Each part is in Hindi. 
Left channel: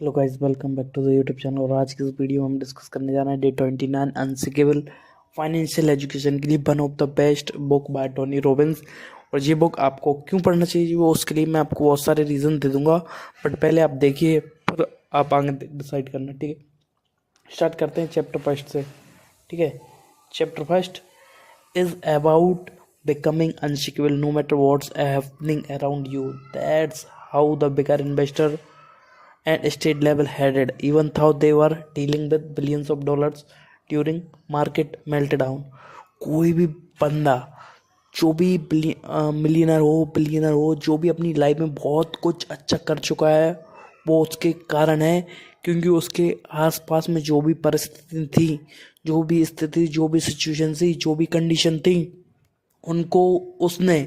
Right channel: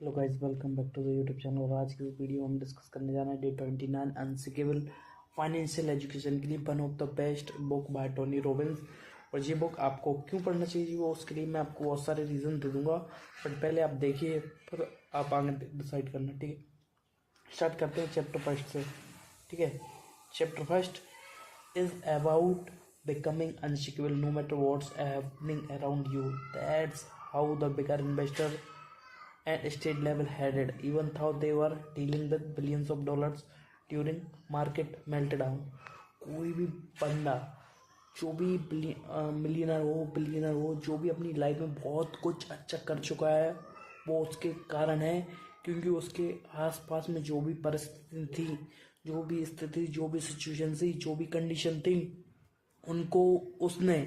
Hello guys, welcome back to the YouTube channel. और आज की इस वीडियो में हम डिस्कस करने जा रहे हैं डे 29 अनसिकेबल फाइनेंशियल एजुकेशन के लिए one of the best book by Tony Robbins. और ये बुक आपको क्यों पढ़ना चाहिए वो उसके लिए मैं आपको बहुत सारे रीज़न दे दूंगा, बट पहले आप देखिए फिर आप आगे डिसाइड करना, ठीक है। स्टार्ट करते हैं चैप्टर फर्स्ट से, ठीक है। Chapter first is about becoming unshakable no matter what's happening around you. That's how the bigger investor and state level headed, even though they were dealing with billions of dollars during market meltdown. कोई भी बंदा जो भी मिलियनर हो बिलियनर हो, जो भी अपनी लाइफ में बहुत कुछ अच्छा कर चुका है, वो उसके कारण है क्योंकि उसके आसपास में जो भी परिस्थिति थी, जो भी स्थिति, जो भी सिचुएशन थी, जो भी कंडीशन थी, उनको उसने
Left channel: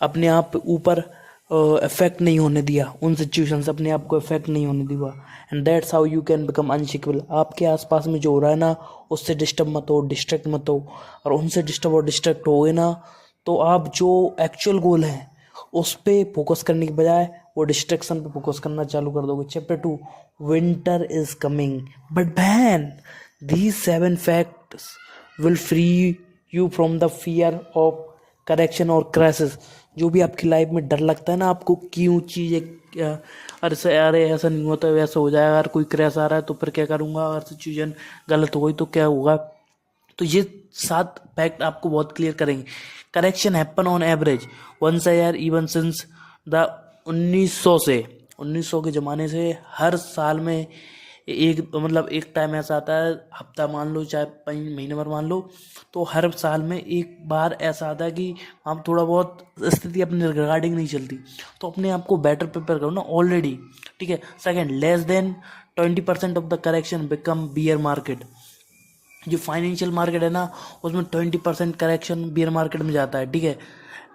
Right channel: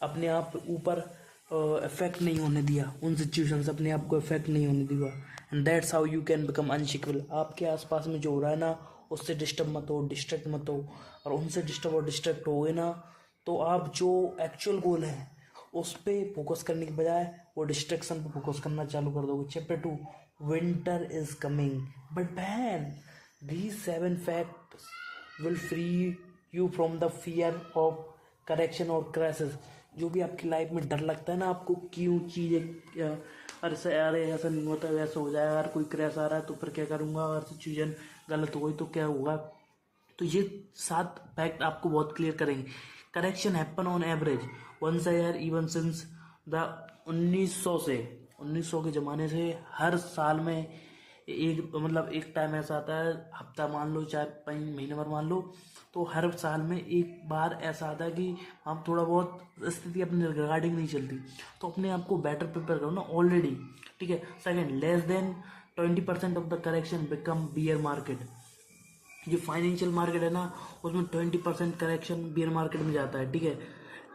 अपने आप ऊपर इफेक्ट नहीं होने दिया। उन सिचुएशन से अपने आप को इफेक्ट नहीं होने दिया। And that's how you can become unshakable. आपके आसपास में जो हो रहा है ना, उससे डिस्टर्ब मत हो, डिस्ट्रैक्ट मत हो। और उनसे डिस्टर्ब और डिस्ट्रैक्ट हो गए ना, तो आप जो एक्चुअल गोल है उस पर फोकस करने के बजाय वो डिस्ट्रैक्शन पे फोकस करना चालू कर दोगे। Chapter 2, winter is coming but ban these 7 facts will free you from the fear of correction और क्रैसेस। जो भी आपकी लाइफ में डर लगता है ना आपको, क्यों चीज़ें अरे ऐसा नहीं होता, वैसा हो जाएगा, अगर कोई क्रैश आ रहा है तो फिर क्या करूँगा, अगर सिचुएशन गलत हो गई तो क्या होगा। तो ये 7 फैक्ट आपको बहुत क्लियर करेंगे। Correction happen on average once a year even since the 1900 के ज़माने से हर साल में एक मतलब एक टाइम ऐसा आता है, हफ्ता मान लो चाहे महीने भर मान लो, तो हर साल में एक बार ऐसा आता है कि हम थोड़ा बहुत स्थिति अपने रिगार्डिंग नहीं चलती, तो अपने आप को बेटर प्रिपेयर करो ना ऑलरेडी, ठीक है। Second, less than 20% of the correction become beer market. जो फाइनेंशियल मार्केट है ना, उसमें 20% करेक्शन बियर मार्केट में जाता है, ठीक है।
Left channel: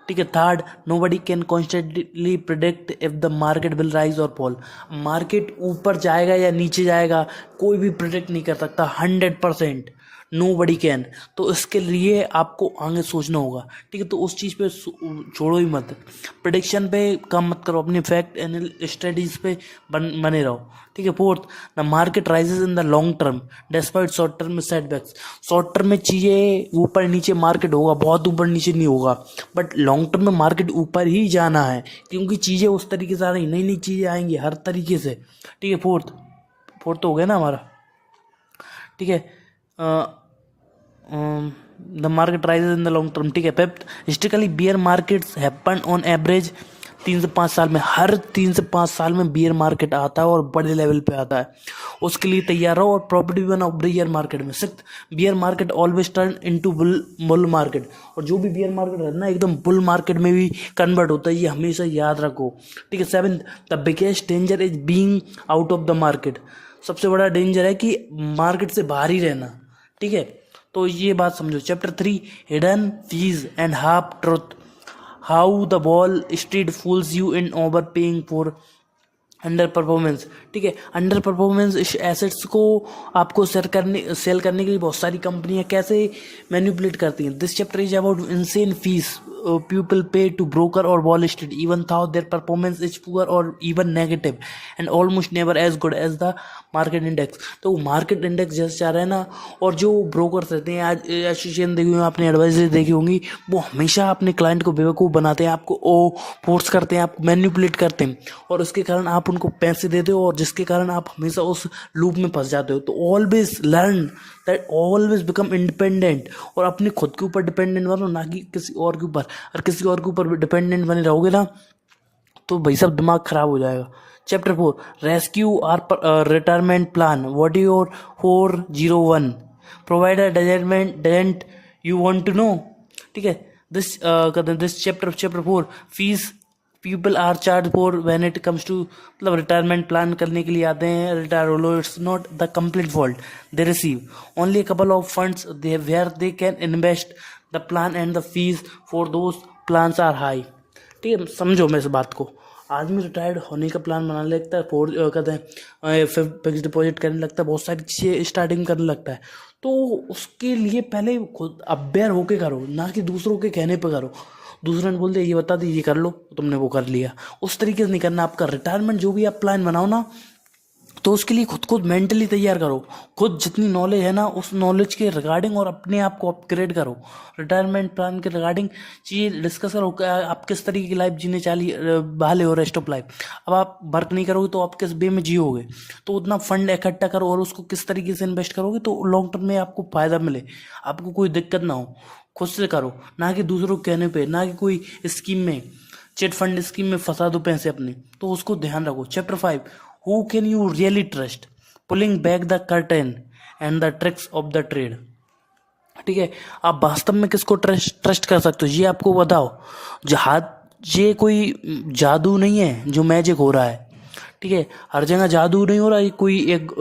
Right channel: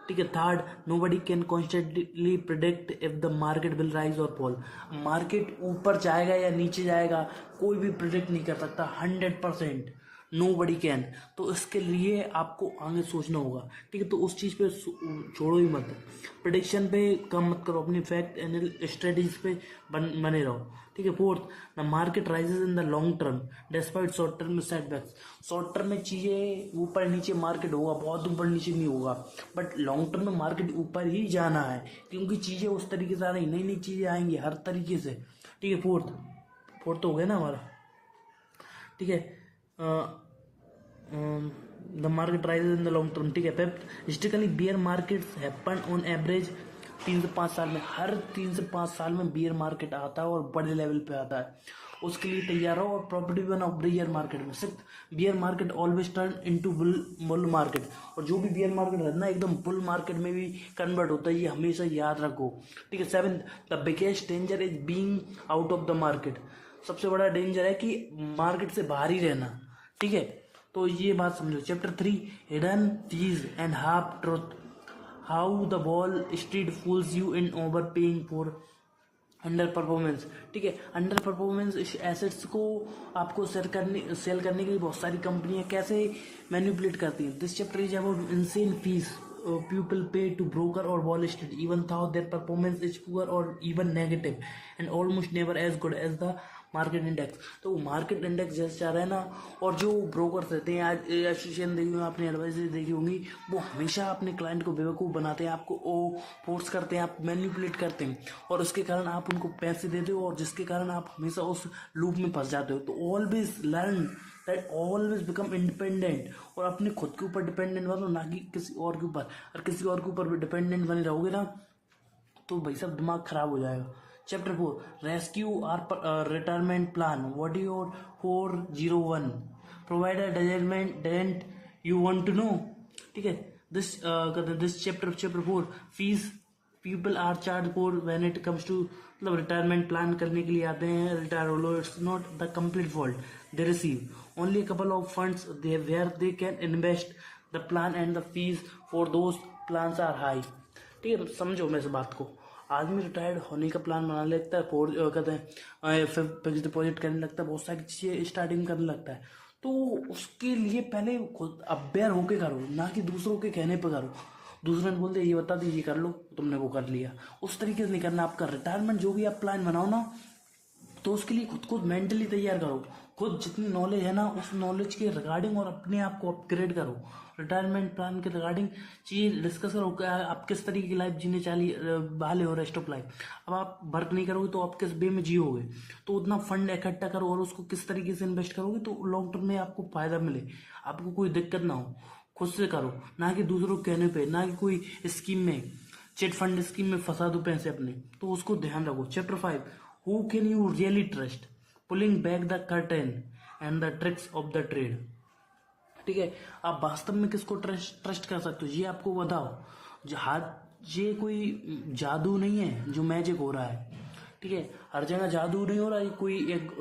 ठीक है। Third, nobody can constantly predict if the market will rise और फॉल। मार्केट ऊपर जाएगा या नीचे जाएगा कोई भी प्रिडिक्ट नहीं कर सकता 100%। Nobody can. तो इसके लिए आपको आगे सोचना होगा, ठीक है। तो उस चीज़ पे छोड़ो ही मत, प्रिडिक्शन पे कम मत करो, अपने फैक्ट एंड स्टडीज पे बने रहो, ठीक है। Fourth, the market rises in the long term despite short term setbacks. Short term में चीज़ें ऊपर नीचे मार्केट होगा, बहुत ऊपर नीचे नहीं होगा, बट लॉन्ग टर्म में मार्केट ऊपर ही जाना है क्योंकि चीज़ें उस तरीके से आ रही, नई नई चीज़ें आएंगी हर तरीके से, ठीक है। फोर्थ फोर्थ तो हो गया ना हमारा, ठीक है। The market rises in the long term, ठीक है। Fifth, historically bear markets happen on average 3 से 5 साल में, हर 3 से 5 साल में बियर मार्केट आता है और बड़े लेवल पे आता है, उसके लिए तैयार रहो और property one of bear market में। Six, bear market always turn into bull market. और जो भी बियर मार्केट है ना, एकदम बुल मार्केट में भी कन्वर्ट होता है, ये हमेशा याद रखो, ठीक है। Seven, the biggest danger is being out of the market. सबसे बड़ा डेंजर है कि मार्केट से बाहर ही रहना, ठीक है। तो ये बात समझो। Chapter 3, hidden fees and half truth, how the wall street fools you in over paying for under performance, ठीक है। अंडर परफॉर्मेंस एसेट्स को आपको सेल करने के लिए बहुत सारी कंपनियां कैसे मैनिपुलेट करती हैं। This chapter is about insane fees people pay to broker or Wall Street even though their performance is poor or even negative and almost never as good as the market index. तो मार्केट इंडेक्स जैसे चाह रहा है ना, और जो ब्रोकर्स रहते हैं, आज एसोसिएशन देखी होंगी आपने, एडवाइजरी देखी होंगी, वो हमेशा अपने क्लाइंट को बेवकूफ़ बनाते हैं, आपको ओ फोर्स करते हैं, आपको मैनिपुलेट करते हैं, और उसके कारण आप उनको पैसे देते हो और जिसके कारण आप हमेशा उस लूप में फंस जाते हो। तो always learn that, always become independent, और अपने खुद के ऊपर डिपेंडेंट बनो, ना कि किसी और के ऊपर। और किसी और के ऊपर डिपेंडेंट बने रहोगे ना, तो भाई सब दिमाग खराब हो जाएगा। Chapter 4, rescue your retirement plan, what your 401 provider doesn't you want to know, ठीक है। This chapter 4, fees people are charged for when it comes to, मतलब रिटायरमेंट प्लान करने के लिए आते हैं, रिटायर हो लो, it's not the complete fault, they receive only a couple of funds they where they can invest the plan and the fees for those plans are high, ठीक है। समझो मेरे इस बात को। आदमी रिटायर्ड होने का प्लान बनाने लगता है, कहते हैं फिक्स डिपॉजिट करने लगता है, बहुत सारी चीज़ें स्टार्टिंग करने लगता है, तो उसके लिए पहले खुद अवेयर होके करो, ना कि दूसरों के कहने पे करो। दूसरे ने बोल दिया ये बता दी, ये कर लो, तुमने वो कर लिया, उस तरीके से नहीं करना। आपका रिटायरमेंट जो भी आप प्लान बनाओ ना, तो उसके लिए खुद को मेंटली तैयार करो, खुद जितनी नॉलेज है ना उस नॉलेज के रिगार्डिंग और अपने आप को अपग्रेड करो। रिटायरमेंट प्लान के रिगार्डिंग चीज़ डिस्कस करो कि आप किस तरीके की लाइफ जीने वाले हो, रेस्ट ऑफ लाइफ। अब आप वर्क नहीं करोगे तो आप किस वे में जियोगे, तो उतना फंड इकट्ठा करो और उसको किस तरीके से इन्वेस्ट करोगे तो लॉन्ग टर्म में आपको फ़ायदा मिले, आपको कोई दिक्कत ना हो। खुद से करो, ना कि दूसरों के कहने पे, ना कि कोई स्कीम में, चिट फंड स्कीम में फंसा दो पैसे अपने, तो उसको ध्यान रखो। Chapter 5, who can you really trust, pulling back the curtain and the tricks of the trade. ठीक है, आप वास्तव में किसको ट्रस्ट कर सकते हो, ये आपको बताओ। ये कोई जादू नहीं है जो मैजिक हो रहा है। ठीक है, हर जगह जादू नहीं हो रहा है, कोई एक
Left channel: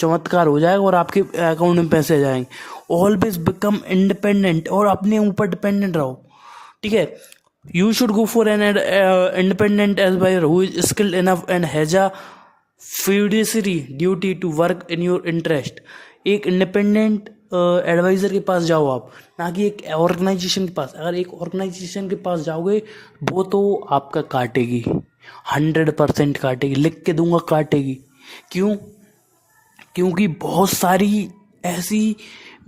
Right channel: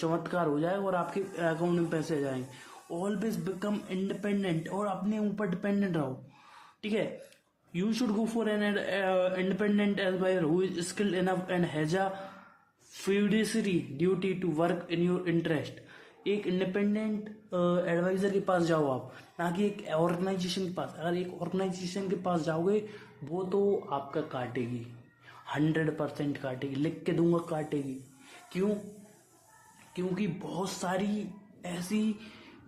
चमत्कार हो जाएगा और आपके अकाउंट में पैसे आ जाएंगे। ऑलवेज बिकम इंडिपेंडेंट और अपने ऊपर डिपेंडेंट रहो। ठीक है, you should go for an independent advisor who is skilled enough and has a fiduciary duty to work in your interest. एक इंडिपेंडेंट एडवाइज़र के पास जाओ आप, ना कि एक ऑर्गेनाइजेशन के पास। अगर एक ऑर्गेनाइजेशन के पास जाओगे वो तो आपका काटेगी, 100% काटेगी, लिख के दूंगा काटेगी। क्यों? क्योंकि बहुत सारी ऐसी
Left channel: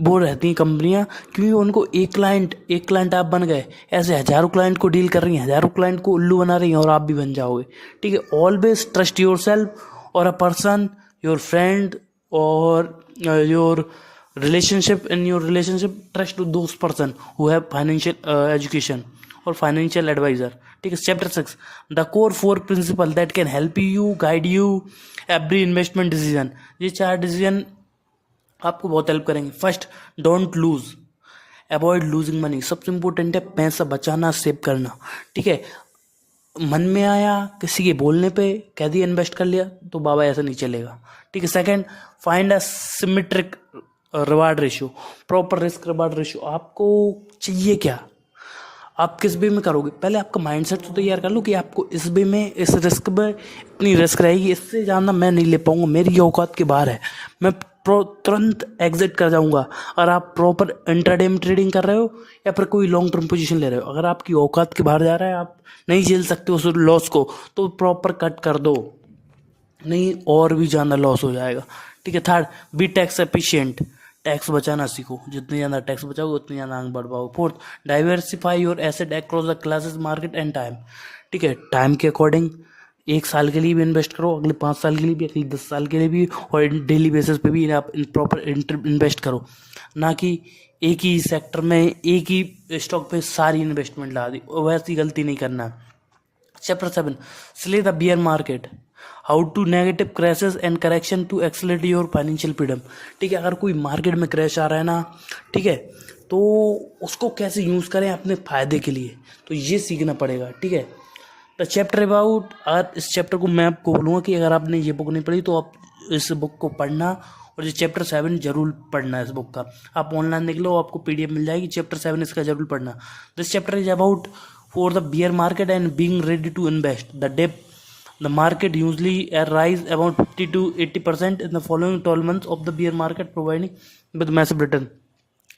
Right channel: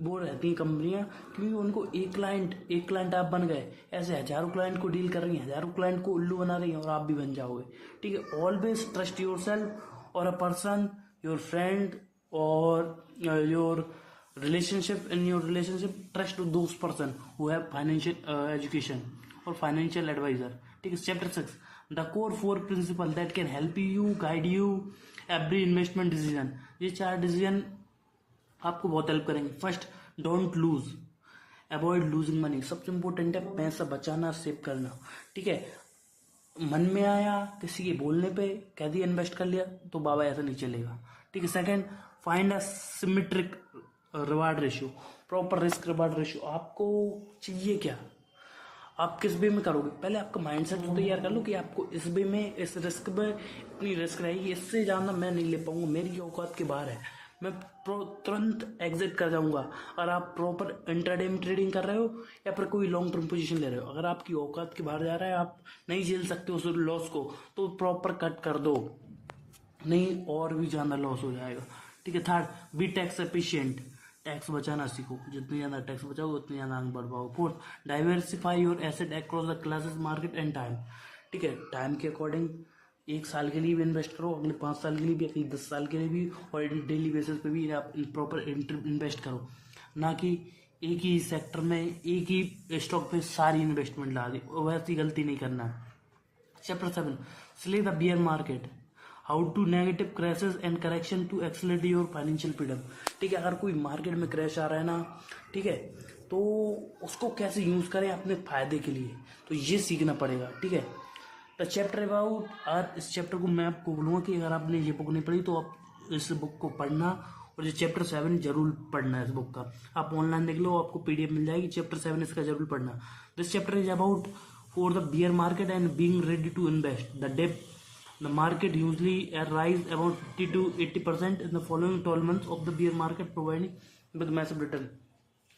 वो रहती हैं कंपनियां, क्योंकि उनको एक क्लाइंट आप बन गए, ऐसे हज़ारों क्लाइंट को डील कर रही हैं, हज़ारों क्लाइंट को उल्लू बना रही हैं और आप भी बन जाओगे। ठीक है, ऑलवेज ट्रस्ट योर सेल्फ और अ पर्सन, योर फ्रेंड और your relationship, in your relationship trust to those person who have financial education or financial advisor। ठीक है, chapter 6, the core 4 principal that can help you guide you every investment decision. ये 4 डिसीजन आपको बहुत हेल्प करेंगे। First, don't lose, avoid losing money. सबसे इंपॉर्टेंट है पैसा बचाना, सेव करना। ठीक है, मन में आया किसी के बोलने पे कह दिया इन्वेस्ट कर लिया, तो बाबा ऐसा नहीं चलेगा। ठीक है, second, find a symmetric reward ratio, proper risk reward ratio. आपको चाहिए क्या, आप किस वे में करोगे, पहले आपका माइंडसेट तो तैयार कर लो कि आपको इस वे में, इस रिस्क में इतनी रिस्क रहेगी, इससे ज़्यादा मैं नहीं ले पाऊंगा, मेरी औकात के बाहर है, मैं तुरंत एग्जिट कर जाऊंगा। अगर आप प्रॉपर इंट्राडे में ट्रेडिंग कर रहे हो या फिर कोई लॉन्ग टर्म पोजीशन ले रहे हो, अगर आपकी औकात के बाहर जा रहा है, आप नहीं झेल सकते उस लॉस को, तो प्रॉपर कट कर दो, नहीं और भी ज़्यादा लॉस हो जाएगा। ठीक है, third, B tax efficient, tax बचाना सीखो, जितने ज़्यादा टैक्स बचाओगे उतनी ज़्यादा आगे बढ़ पाओगे। Fourth, diversify your asset across the classes, market and time. ठीक है, टाइम के अकॉर्डिंग 1 साल के लिए भी इन्वेस्ट करो, अगले 5 साल के लिए भी, अगले 10 साल के लिए भी, और डेली बेसिस पे भी आप प्रॉपर इन्वेस्ट करो, ना कि एक ही सेक्टर में, एक ही स्टॉक पे सारी इन्वेस्टमेंट ला दी, वैसी गलती नहीं करना। Chapter 7, slay the bear market, how to negative crashes and correction to accelerate your financial freedom. ठीक है, अगर कोई मार्केट में क्रैश आ रहा है ना, ठीक है, तो उसको कैसे यूज़ करें अपने फ़ायदे के लिए, तो ये सीखना पड़ेगा। ठीक है, द चैप्टर अबाउट, अगर इस चैप्टर को मैं आपको बोलूँगा कि अगर आपने ये बुक नहीं पढ़ी तो आप इस बुक को पढ़ना, और ये चैप्टर 7 जरूर पढ़ना है इस बुक का। आप ऑनलाइन देख लो, आपको PDF मिल जाएगी, चैप्टर 7 इसका जरूर पढ़ना। This chapter is about for the bear market and being ready to invest the depth. The market usually rise around 50 to 80% in the following 12 months of the bear market, providing with massive return।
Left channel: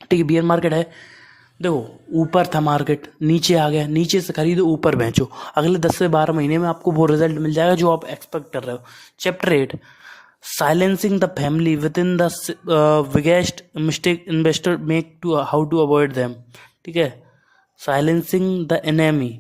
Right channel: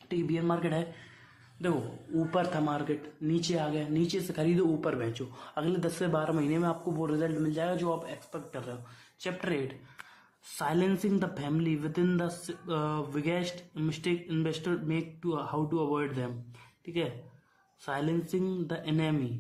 ठीक है, बियर मार्केट है, देखो ऊपर था मार्केट, नीचे आ गया, नीचे से खरीदो, ऊपर बेचो, अगले 10 से 12 महीने में आपको वो रिजल्ट मिल जाएगा जो आप एक्सपेक्ट कर रहे हो। Chapter 8, silencing the family within the biggest mistake investor make to, how to avoid them. ठीक है, silencing the enemy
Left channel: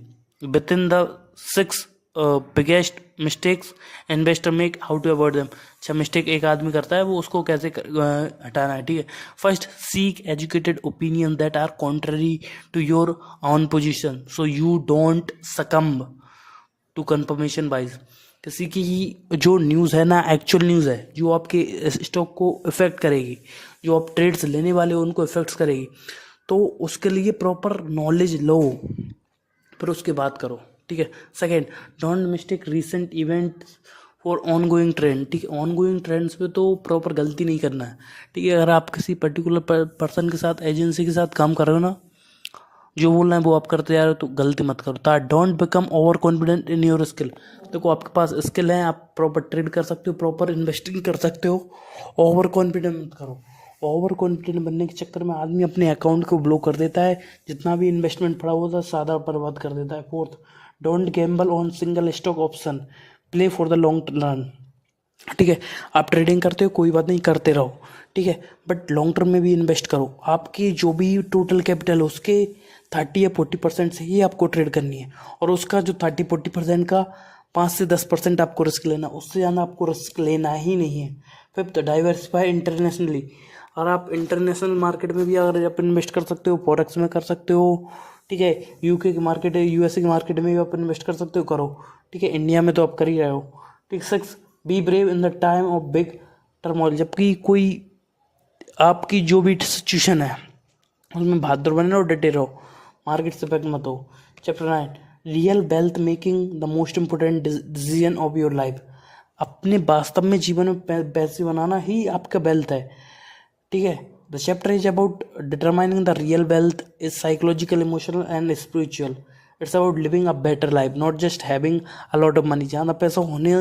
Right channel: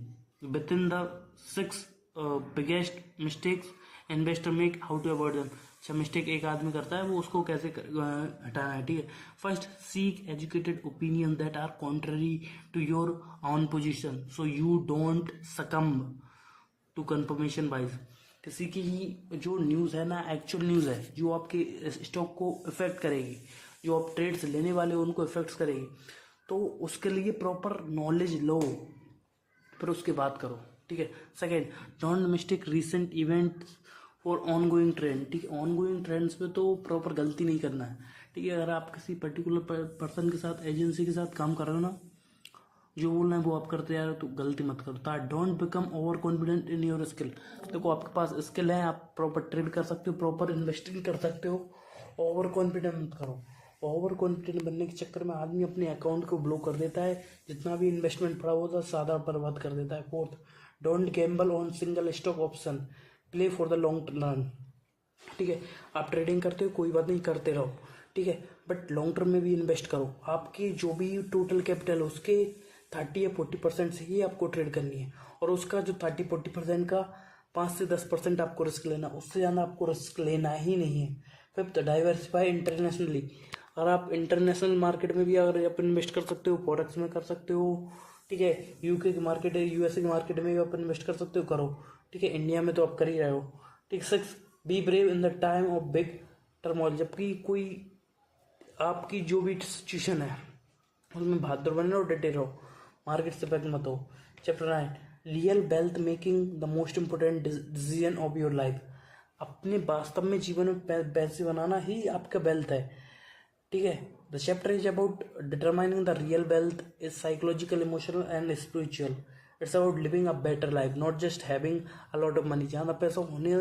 within the 6 biggest mistakes investor make, how to avoid them. अच्छा, मिस्टेक एक आदमी करता है, वो उसको कैसे हटाना है। ठीक है, first, seek educated opinion that are contrary to your own position so you don't succumb to confirmation bias. किसी की जो न्यूज़ है ना, एक्चुअल न्यूज़ है, जो आपके स्टॉक को इफेक्ट करेगी, जो आप ट्रेड्स लेने वाले हो उनको इफेक्ट्स करेगी, तो उसके लिए प्रॉपर नॉलेज लो, फिर उसके बाद करो। ठीक है, second, don't mistake recent event for on going trend. ठीक है, ऑन गोइंग ट्रेंड्स पे तो प्रॉपर गलती नहीं करना है। ठीक है, अगर आप किसी पर्टिकुलर पर्सन के साथ, एजेंसी के साथ काम कर रहे हो ना, जो बोल रहे हैं वो आप करते जा रहे हो, तो गलती मत करो। Third, don't become over confident in your skill. देखो आपके पास स्किल है, आप प्रॉपर ट्रेड कर सकते हो, प्रॉपर इन्वेस्टिंग कर सकते हो, ओवर कॉन्फिडेंट मत करो। ओवर कॉन्फिडेंट बनने के चक्कर में आदमी अपने अकाउंट को ब्लॉक कर देता है, जितना भी इन्वेस्टमेंट पड़ा होता है सादा बर्बाद कर देता है। Fourth, don't Gamble on single stock option, play for the long run. ठीक है। आप ट्रेडिंग करते हो कोई बात नहीं, करते रहो, ठीक है, बट लॉन्ग टर्म में भी इन्वेस्ट करो। आपकी जो भी टोटल कैपिटल है उसके 30 या 40% से ही आपको ट्रेड करनी है, और उसका जो 30-40% का 5 से 10% आपको रिस्क लेना, उससे ज़्यादा आपको रिस्क लेना ही नहीं है। Fifth, diversify internationally. और आप इंटरनेशनल मार्केट में भी अगर आप इन्वेस्ट कर सकते हो, फॉरेक्स में कर सकते हो, ठीक है, यूके की मार्केट है, यूएसए की मार्केट में भी आप इन्वेस्ट कर सकते हो, करो, ठीक है, इंडिया में तो आप कर ही रहे हो, ठीक। Six, be brave in the time of big turmoil. जबकि कोई आपकी जो भी सिचुएशन है उसमें बहादुर बने रहो, डटे रहो, मार्केट से बैक मत हो। Chapter 9, real wealth making the most important decision of your life. अपने वास्तव में जीवन में पैसे बनाना ही आपका वेल्थ है, ठीक है। The chapter is about determining the real wealth is psychological, emotional and spiritual. It's about living a better life, not just having a lot of money. ज़्यादा पैसा होने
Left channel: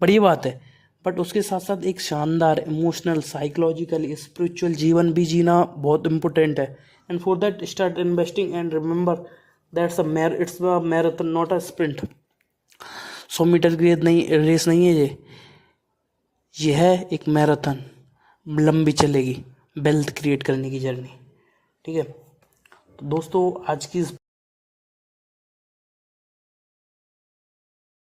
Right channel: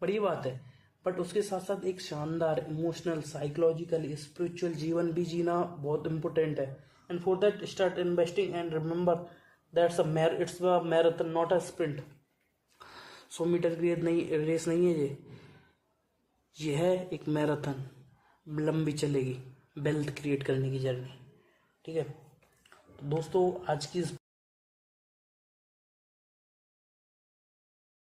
बड़ी बात है, बट उसके साथ साथ एक शानदार इमोशनल, साइकोलॉजिकल, स्पिरिचुअल जीवन भी जीना बहुत इंपॉर्टेंट है। And for that start investing and remember that's it's a marathon not a sprint. 100 metre की रेस नहीं है ये है एक मैराथन, लंबी चलेगी, वेल्थ क्रिएट करने की जर्नी, ठीक है। तो दोस्तों आज की इस